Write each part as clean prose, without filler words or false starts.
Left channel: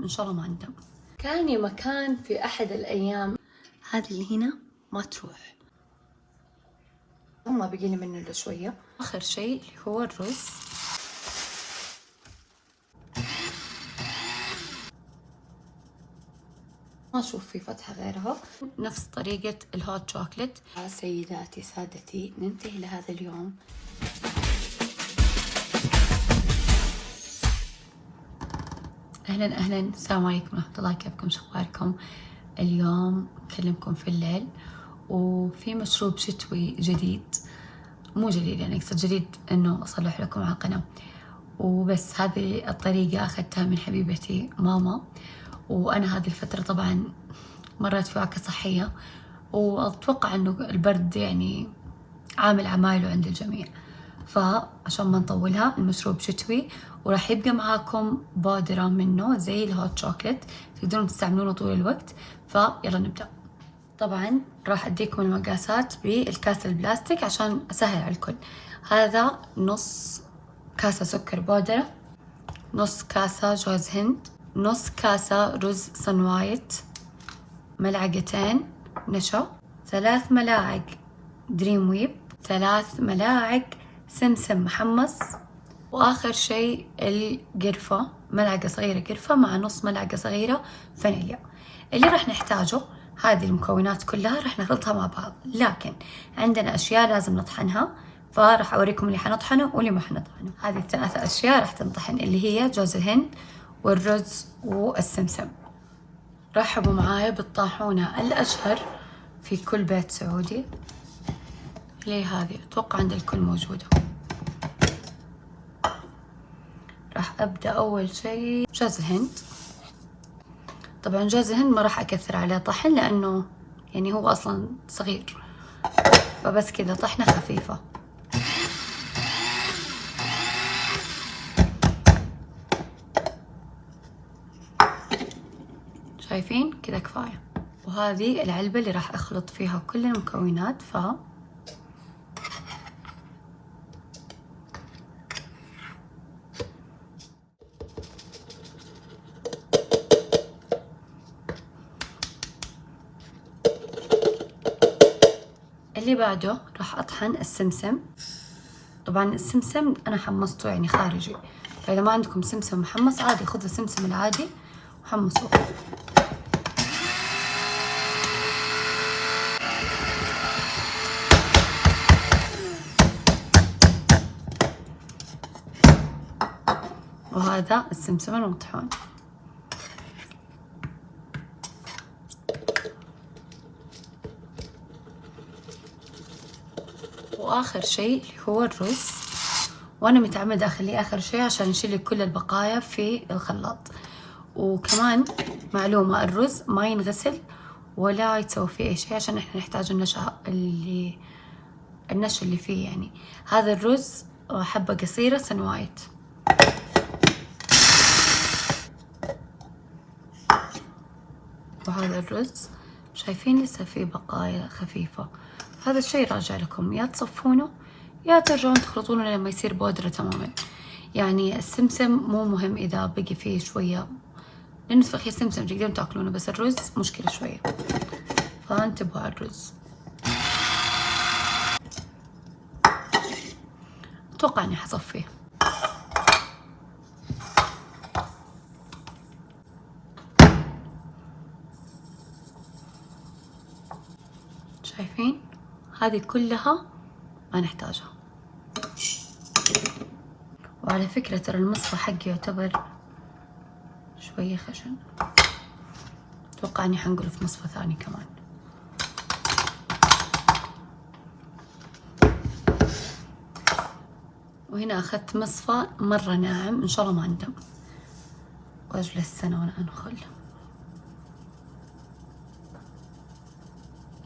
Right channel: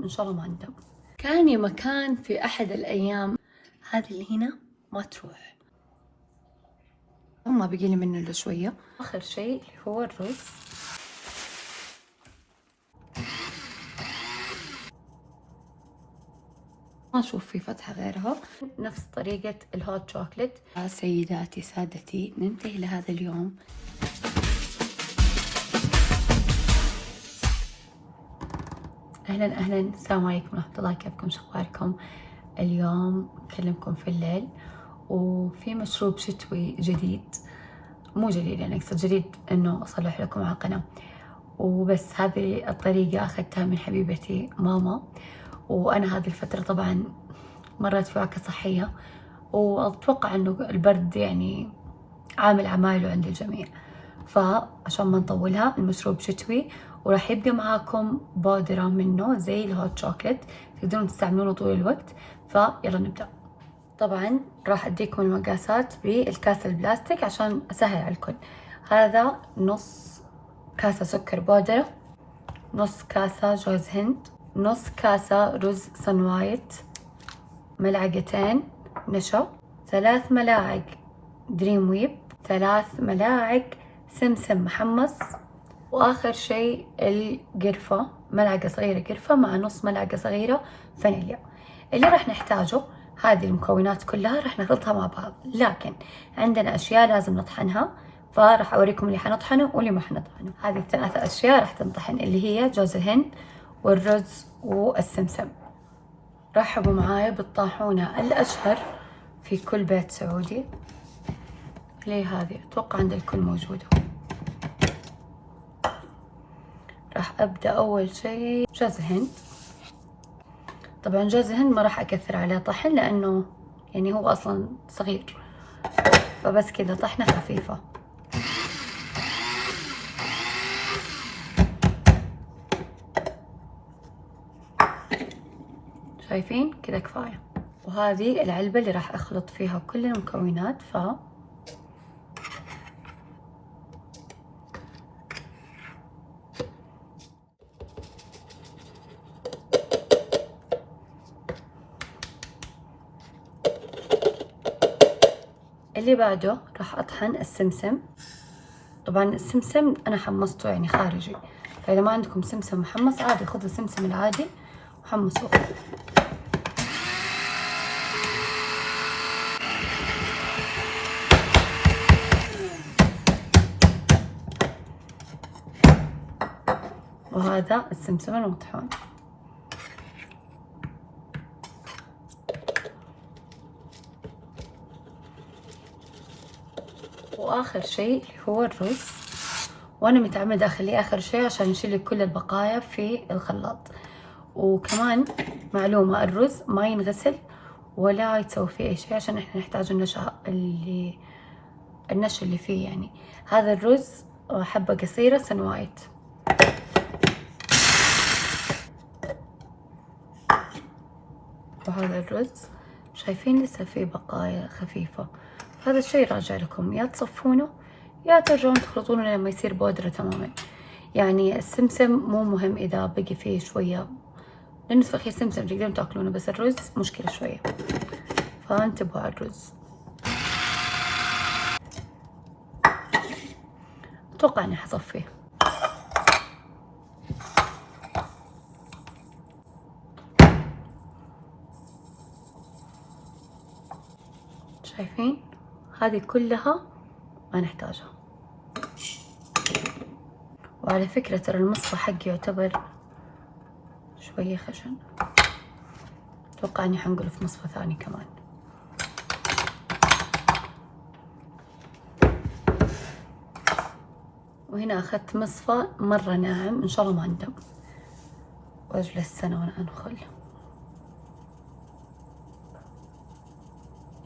ناعم إن شاء الله ما ندم. كان يا مكان في أحد الأيام، هذه اللي هنا ما تروح، ما بقي لي منه إلا شوية. آخر شيء اللي هو الرز. ما أشوف في فتحة غيرها، نفس طريقة الهوت شوكلت. سيداتي سادتي، ننتهي لهذا اليوم. أهلا السلام عليكم ورحمة الله، كيفكم شخباركم؟ اليوم أكلمكم في الليل وفي مشروب شتوي جديد، مو جديد يعني أقصد جديد إنه أصلح لكم على القناة وبس. هذه الطريقة أخذتها من حبيبتي ماما، وأنا هذه الفترة طبعا مرت في وعكة صحية، وأتوقع إنه البرد يعني عامل عمايله عند الجميع، فعشان ما نطولها المشروب شتوي وراح يبقى معاكم بودرة منه زي الهوت شوكلت تقدرون تستعملونه طول الوقت. فيلا نبدأ. طبعا راح أديكم المقاسات بالكاسة البلاستيك عشان أسهل على الكل. هذا نص كاسة سكر بودرة، نص كاسة جوز هند، نص كاسة رز سنوايت، ملعقتين نشا، 3 ملاعق دريم ويب، 3 ملاعق سمسم محمص، وآخر شيء القرفة، ملعقة صغيرة قرفة مع نص ملعقة صغيرة فانيليا. اللي راح نحتاجه هذه المكونات كلها راح نخلطها مع بعض، لكن عندنا أشياء لازم نطحنها، فراح أوريكم اللي حنطحنه واللي ما حنطحنه. هذه ال3 أشياء راح تنطحن اللي هي جوز الهند والرز والسمسم. رحبوا معايا بالطاحونة الأشهر في كل بيت سعودي، اللي هذه أتوقع عند الكل موجودة. راح أبدأ أول شيء جوز الهند. طبعا جوز الهند ما راح أكثر عليه طحن لأنه يعني هو أصلا صغير، فبس كذا طحنة خفيفة. شايفين كذا كفاية. وهذه العلبة اللي راح أخلط فيها كل المكونات. اللي بعده راح أطحن السمسم. طبعا السمسم أنا حمصته يعني خارجي، فإذا ما عندكم سمسم محمص عادي خذوا السمسم العادي وحمصوه. وهذا السمسم المطحون. وآخر شيء اللي هو الرز، وأنا متعمدة أخليه آخر شيء عشان نشيل كل البقايا في الخلاط. وكمان معلومة، الرز ما ينغسل ولا يتسوي فيه أي شيء عشان إحنا نحتاج النشا اللي فيه. يعني هذا الرز حبة قصيرة سنوايت. وهذا الرز شايفين لسه فيه بقايا خفيفة، هذا الشيء راجع لكم، يا تصفونه يا ترجعون تخلطونه لما يصير بودرة تماما. يعني السمسم مو مهم إذا بقي فيه شوية، لأنه في الأخير سمسم تقدرون تاكلونه، بس الرز مشكلة شوية، فانتبهوا على الرز. أتوقع إني حصفيه. شايفين هذه كلها ما نحتاجها. وعلى فكرة ترى المصفى حقي يعتبر شوية خشن، أتوقع إني حنقله في مصفى ثاني كمان. وهنا أخذت مصفى مرة ناعم إن شاء الله ما ندم، وأجلس سنة وأنا أنخل.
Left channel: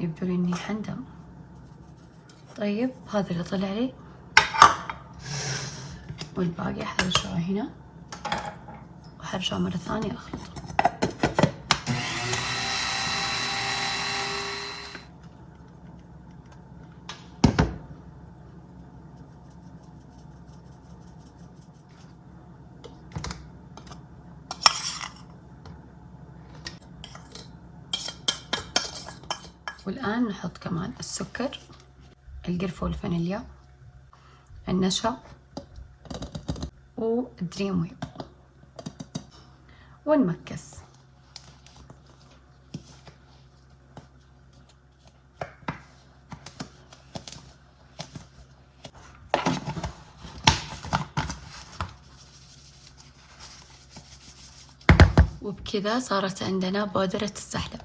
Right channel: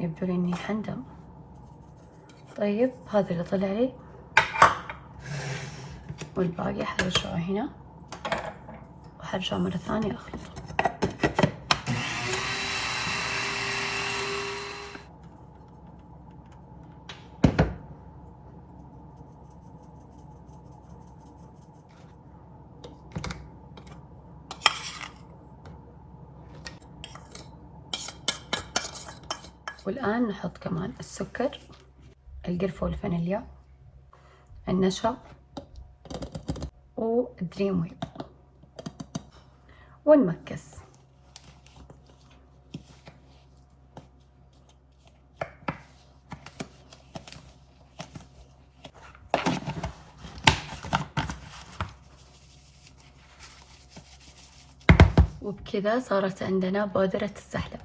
يبدو لي إني حندم. طيب هذا اللي طلع لي، والباقي حرجعه هنا وحرجعه مرة ثانية أخلطه. والآن نحط كمان السكر، القرفة والفانيليا، النشا والدريم ويب، ونمكس. وبكذا صارت عندنا بودرة السحلب،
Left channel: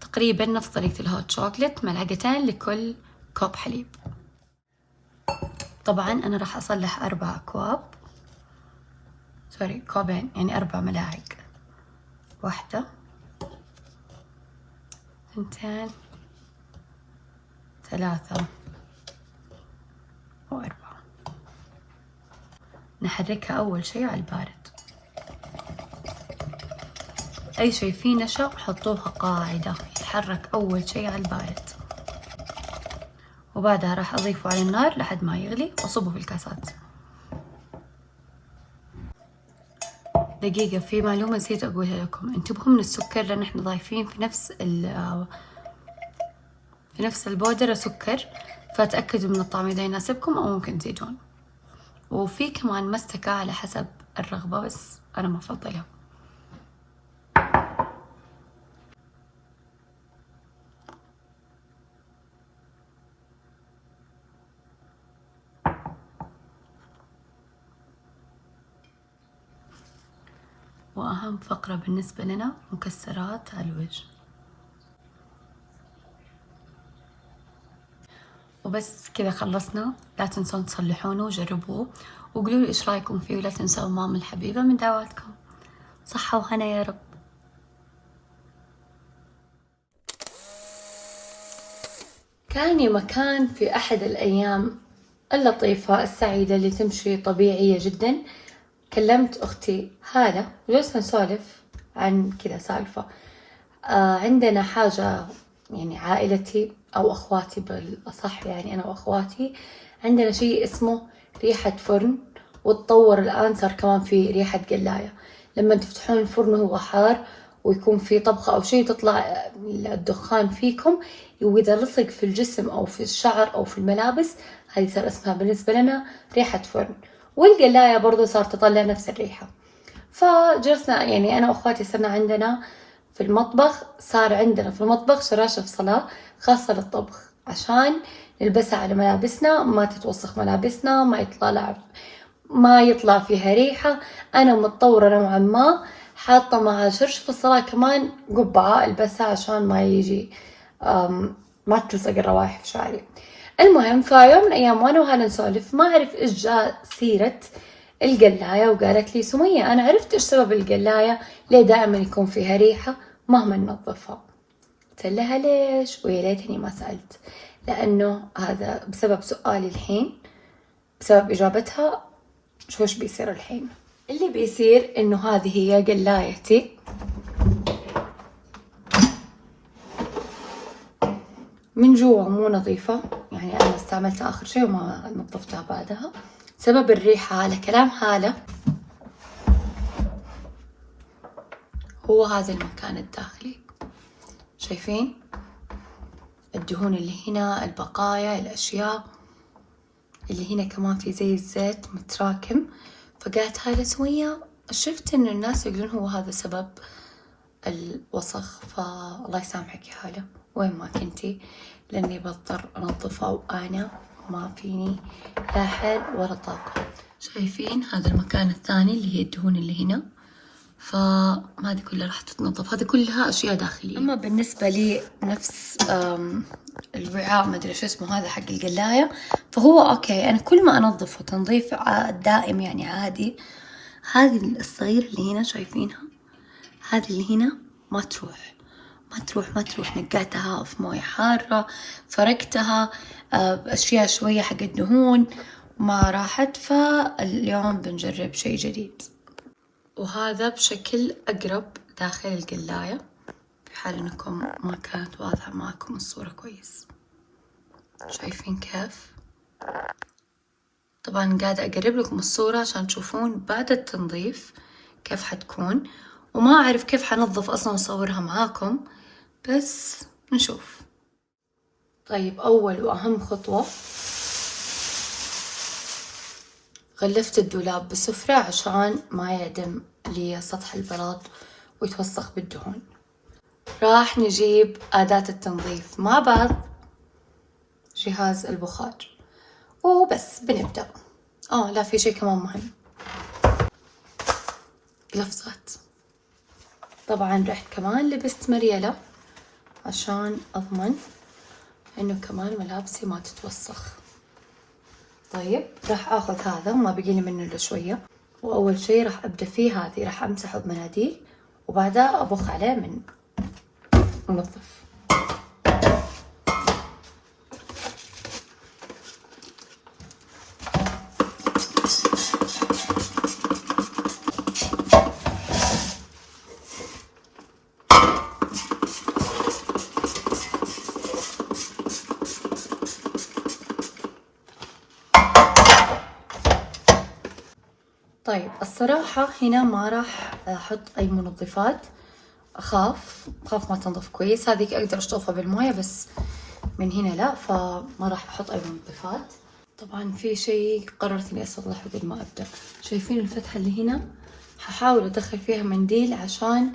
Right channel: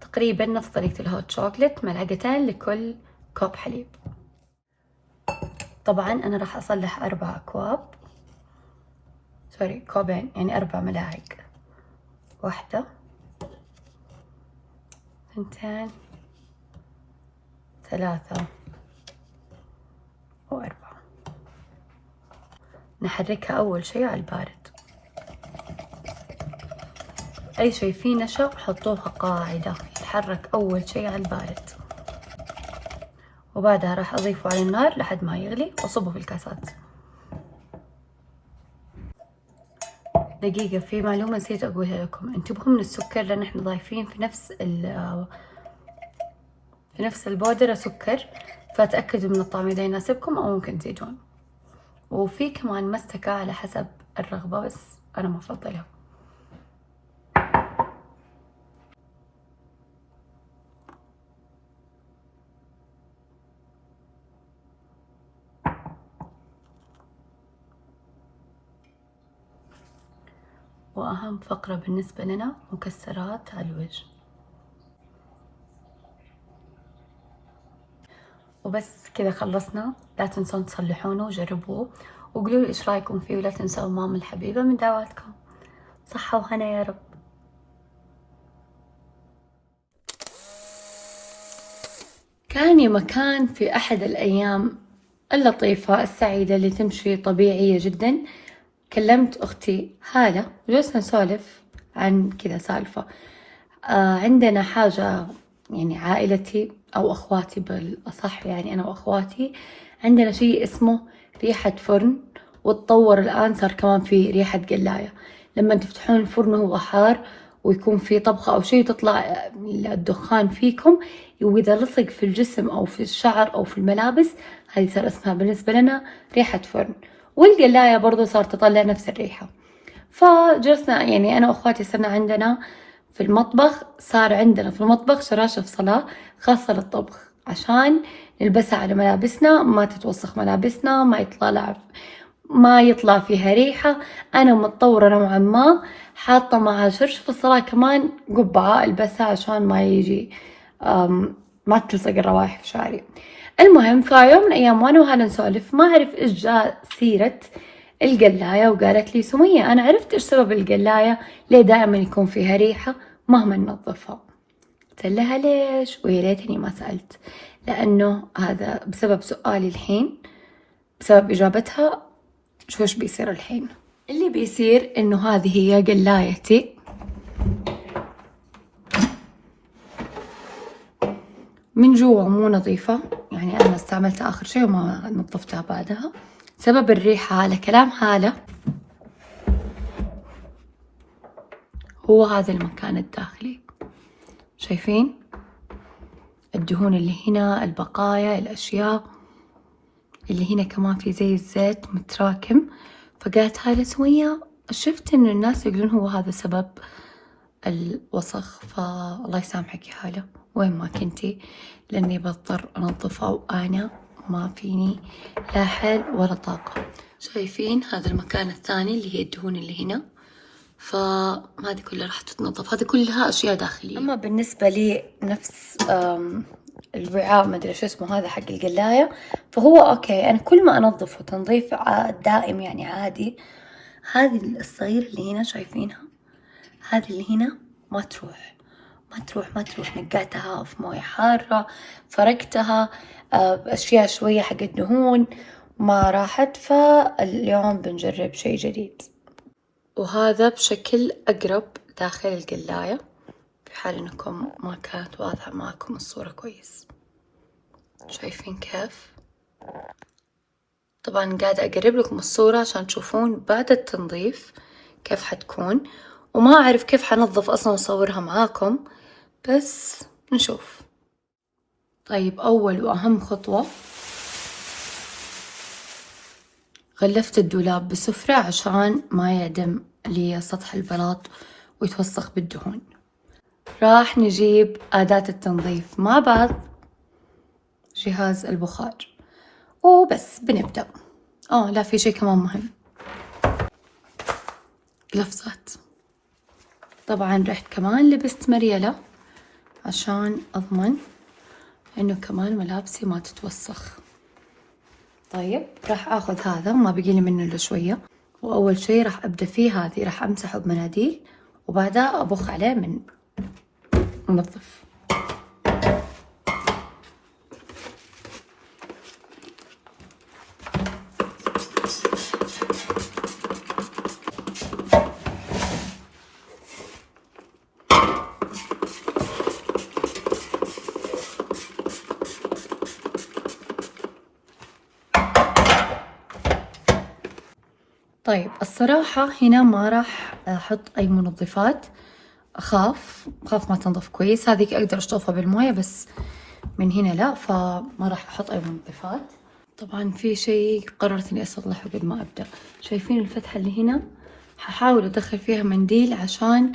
تقريبا نفس طريقة الهوت شوكلت، ملعقتين لكل كوب حليب. طبعا أنا راح أصلح 4 أكواب، سوري كوبين، يعني 4 ملاعق، 1 2 3 و4. نحركها أول شي على البارد، أي شي فيه نشا حطوها قاعدة يتحرك أول شي على البارد، وبعدها راح أضيفه على النار لحد ما يغلي وأصبه في الكاسات. دقيقة، في معلومة نسيت أقولها لكم، انتبهوا من السكر لأن احنا ضايفين في نفس البودرة سكر، فتأكدوا من الطعم إذا يناسبكم أو ممكن تزيدون. وفي كمان مستكة على حسب الرغبة، بس أنا ما أفضلها. وأهم فقرة بالنسبة لنا مكسرات على الوجه. وبس كذا خلصنا، لا تنسون تصلحونه وجربوه وقولوا لي إيش رأيكم فيه، ولا تنسوا ماما الحبيبة من دعواتكم. صحة وهنا يا رب. كان يا مكان في أحد الأيام اللطيفة السعيدة اللي تمشي طبيعية جدا، كلمت أختي هالة وجلسنا نسولف عن كذا سالفة. عندنا حاجة، يعني عائلتي أو أخواتي بالأصح، يعني أنا وأخواتي عندنا شيء اسمه ريحة فرن، وتطور الآن صار كمان في ريحة قلاية. لما تفتحون الفرن وهو حار ويكون في طبخة أو شيء تطلع الدخان فيكم، وإذا لصق في الجسم أو في الشعر أو في الملابس، هذه صار اسمها بالنسبة لنا ريحة فرن. والقلاية برضو صار تطلع نفس الريحة. فجلسنا، يعني أنا وأخواتي صرنا عندنا في المطبخ، صار عندنا في المطبخ شراشف صلاة خاصة للطبخ، عشان نلبسها على ملابسنا، ما تتوسخ ملابسنا، ما يطلع فيها ريحة. أنا متطورة نوعا ما، حاطة مع شرشف الصلاة كمان قبعة ألبسها عشان ما يجي ما تلصق الروائح في شعري. المهم، في يوم من الأيام وأنا وهذا نسولف، ما أعرف إيش جاء سيرة القلاية، وقالت لي سمية أنا عرفت إيش سبب القلاية، ليه دائما يكون فيها ريحة مهما ننظفها. قلت لها ليش؟ ويا ريتني ما سألت، لأنه هذا بسبب سؤالي الحين، بسبب إجابتها شو إيش بيصير الحين. اللي بيصير إنه هذه هي قلايتي، من جوا مو نظيفة، يعني أنا استعملتها آخر شيء وما نظفتها بعدها. سبب الريحة على كلام هالة هو هذا المكان الداخلي، شايفين الدهون اللي هنا، البقايا، الأشياء اللي هنا، كمان في زي الزيت متراكم. فقالت هالة سمية شفت إنه الناس يقولون هو هذا سبب الوسخ، فالله يسامحك يا هالة وين ما كنتي، لأني بضطر أنظفها وأنا ما فيني لا حيل ولا طاقة. شايفين هذا المكان الثاني اللي هي الدهون اللي هنا، فهذه كلها راح تتنظف، هذه كلها أشياء داخلية. أما بالنسبة لي نفس الوعاء ما أدري شو اسمه هذا حق القلاية، فهو أوكي، أنا كل ما أنظفه تنظيف دائم يعني عادي. هذه الصغيرة اللي هنا شايفينها، هذه اللي هنا ما تروح، نقعتها في موية حارة، فركتها بأشياء شوية حق الدهون، ما راحت. فاليوم بنجرب شيء جديد، وهذا بشكل أقرب داخل القلاية، في حال إنكم ما كانت واضحة معكم الصورة كويس. شايفين كيف؟ طبعا قاعدة أقرب لكم الصورة عشان تشوفون بعد التنظيف كيف حتكون، وما أعرف كيف حنظف أصلا وأصورها معاكم، بس نشوف. طيب أول وأهم خطوة، غلفت الدولاب بسفرة عشان ما يعدم لي سطح البلاط ويتوسخ بالدهون. راح نجيب أداة التنظيف مع بعض، جهاز البخار، وبس بنبدأ. لا، في شي كمان مهم، قفازات. طبعا رحت كمان لبست مريلة عشان أضمن إنه كمان ملابسي ما تتوسخ. طيب راح آخذ هذا، ما بقيلي منه إلا شوية، وأول شي راح أبدأ فيه هذه، راح أمسحه بمناديل وبعدها أبخ عليه من منظف. طيب الصراحة هنا ما راح أحط أي منظفات، أخاف ما تنظف كويس. هذيك أقدر أشطفها بالموية، بس من هنا لا، فما راح أحط أي منظفات. طبعا في شي قررت إني أصلحه قبل ما أبدأ. شايفين الفتحة اللي هنا؟ هحاول أدخل فيها منديل عشان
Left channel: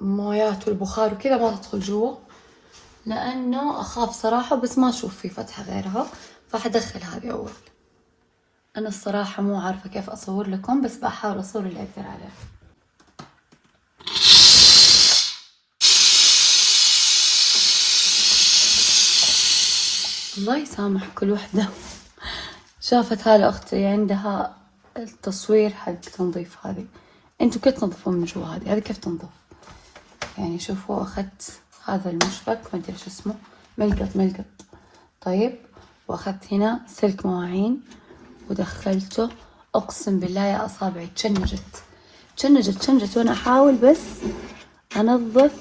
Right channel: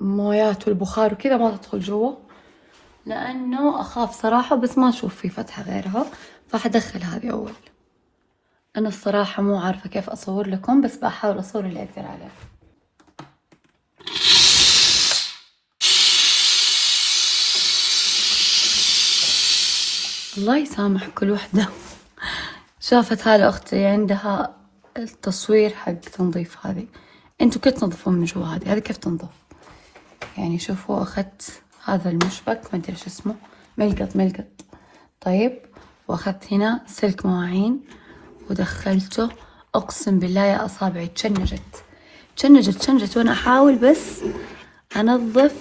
المويات والبخار وكذا ما تدخل جوا، لأنه أخاف صراحة، بس ما أشوف في فتحة غيرها، فحدخل هذه أول. أنا الصراحة مو عارفة كيف أصور لكم، بس بحاول أصور اللي أقدر عليه. الله يسامح كل وحدة شافت هذا أختي عندها التصوير حق تنظيف هذه. انتوا كيف تنظفون من جوا؟ هذه كيف تنظف؟ يعني شوفوا، أخذت هذا المشبك، ما أدري إيش اسمه، ملقط. طيب، وأخذت هنا سلك مواعين ودخلته. أقسم بالله يا أصابعي تشنجت وأنا أحاول بس أنظف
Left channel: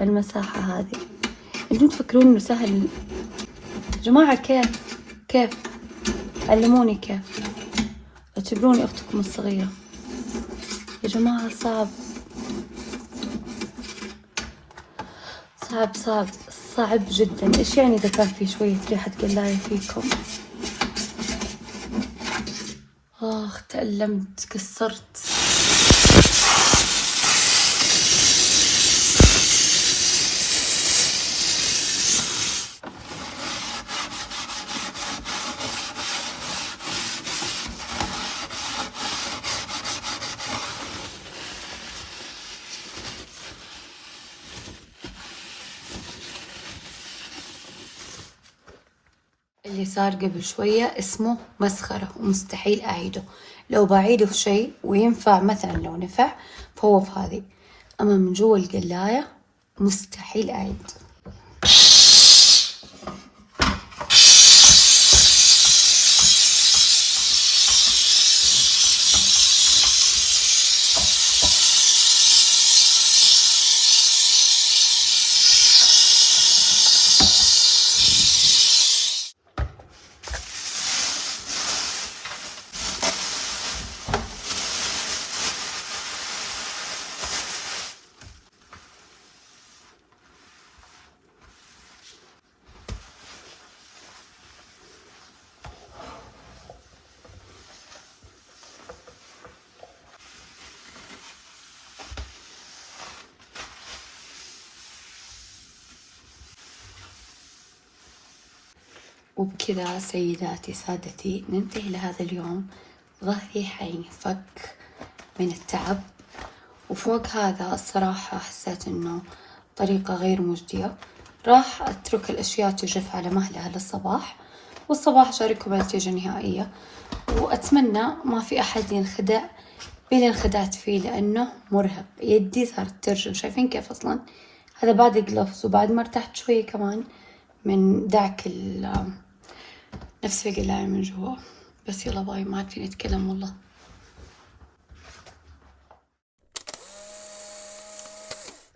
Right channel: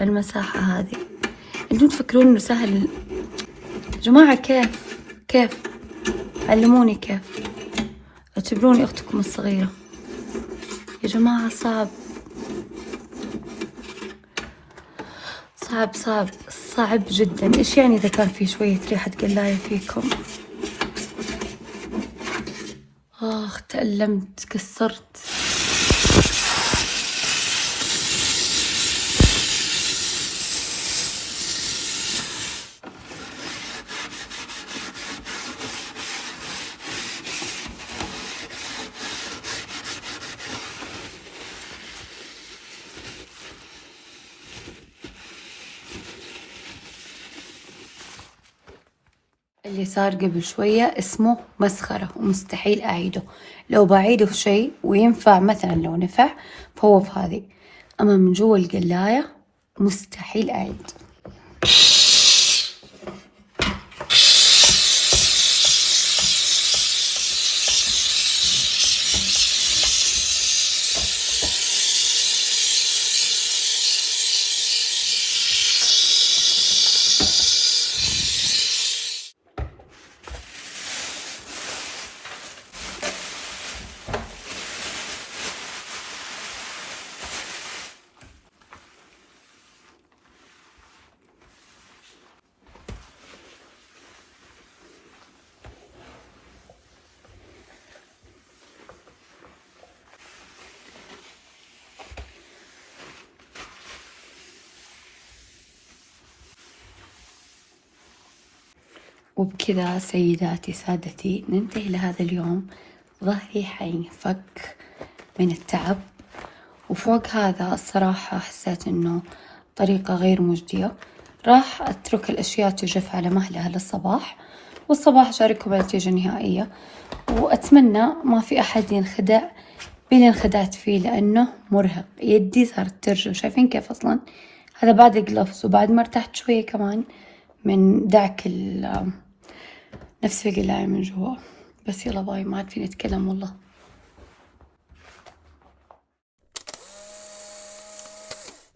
المساحة هذه. انتم تفكرون إنه سهل؟ يا جماعة كيف علموني كيف، اعتبروني أختكم الصغيرة. يا جماعة صعب جدا. إيش يعني إذا كان في شوية ريحة قلاية فيكم؟ تألمت، كسرت. اللي صار قبل شوية اسمه مسخرة ومستحيل أعيده. لو بعيده في شيء وينفع مثلا، لو نفع فهو في هذه، أما من جوا القلاية مستحيل أعيد. وبكذا سيداتي سادتي ننتهي لهذا اليوم. ظهري حينفك من التعب، وفوق هذا الصراحة حسيت إنه طريقة غير مجدية. راح أترك الأشياء تجف على مهلها للصباح، والصباح أشارككم النتيجة النهائية. وأتمنى ما في أحد ينخدع باللي انخدعت فيه، لأنه مرهق. يدي صارت ترجف، شايفين كيف أصلا؟ هذا بعد الجلوفز، وبعد ما ارتحت شوية كمان من دعك نفس القلاية من جوا. بس يلا باي، ما عاد فيني أتكلم والله.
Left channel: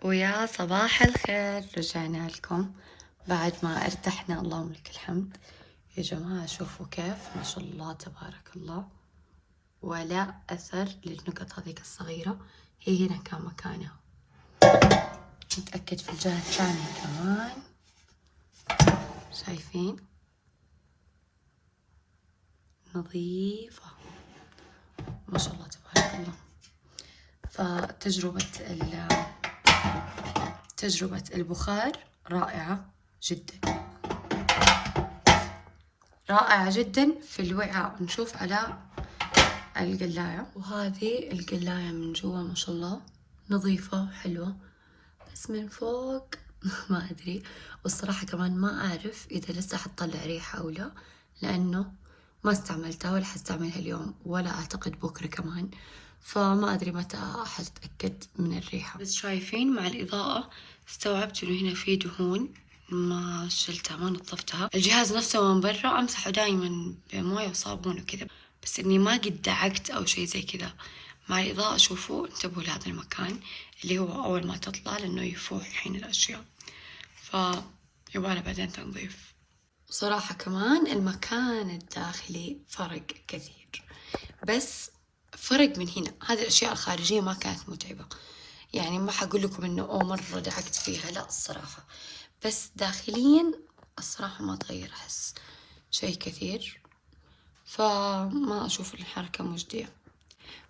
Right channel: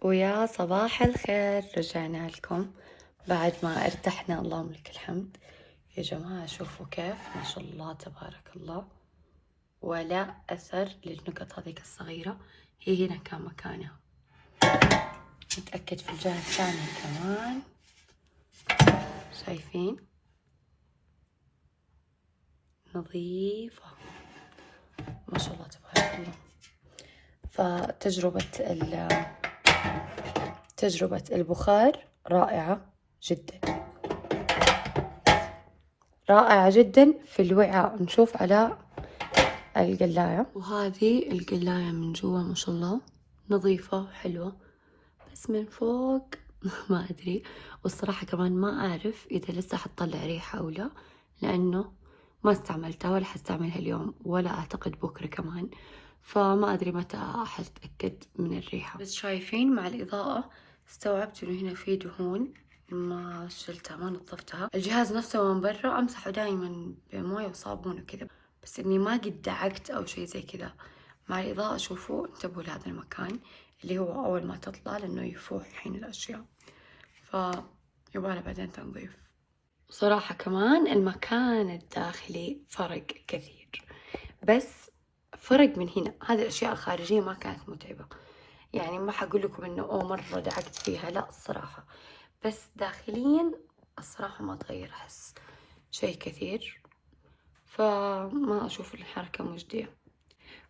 ويا صباح الخير، رجعنا لكم بعد ما ارتحنا، اللهم لك الحمد. يا جماعة شوفوا كيف، ما شاء الله تبارك الله، ولا أثر للنقط هذيك الصغيرة. هي هنا كان مكانها. نتأكد في الجهة الثانية كمان. شايفين نظيفة ما شاء الله تبارك الله. فتجربة البخار رائعة جدا، رائعة جدا. في الوعاء نشوف على القلاية، وهذه القلاية من جوا ما شاء الله نظيفة حلوة، بس من فوق ما أدري. والصراحة كمان ما أعرف إذا لسه حتطلع ريحة أو لا، لأنه ما استعملتها ولا حستعملها اليوم ولا أعتقد بكرة كمان، فما أدري متى حتأكد من الريحة. بس شايفين مع الإضاءة استوعبت إنه هنا في دهون ما شلتها ما نظفتها. الجهاز نفسه من برا أمسحه دايما بموية وصابون وكذا، بس إني ما قد دعكت أو شيء زي كذا. مع الإضاءة شوفوا انتبهوا لهذا المكان اللي هو أول ما تطلع لأنه يفوح الحين الأشياء، فيبغى بعدين تنظيف. صراحة كمان المكان الداخلي فرق كثير، بس فرق من هنا. هذه الأشياء الخارجية ما كانت متعبة، يعني ما حقول لكم إنه مرة دعكت فيها، لا الصراحة، بس داخليا الصراحة ما تغير أحس شيء كثير، فما أشوف الحركة مجدية.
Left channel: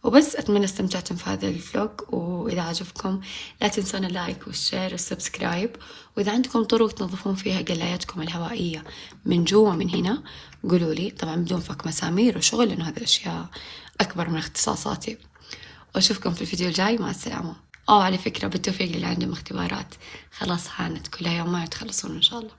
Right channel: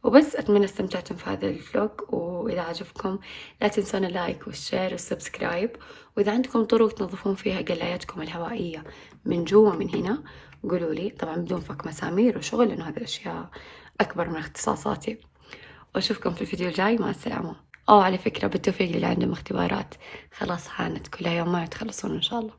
وبس أتمنى استمتعتم في هذا الفلوج، وإذا عجبكم لا تنسون اللايك والشير والسبسكرايب. وإذا عندكم طرق تنظفون فيها قلاياتكم الهوائية من جوا من هنا قولوا لي، طبعا بدون فك مسامير وشغل لأنه هذه الأشياء أكبر من اختصاصاتي. وأشوفكم في الفيديو الجاي، مع السلامة. على فكرة بالتوفيق للي عندهم اختبارات، خلاص هانت كلها يوم ما يتخلصون إن شاء الله.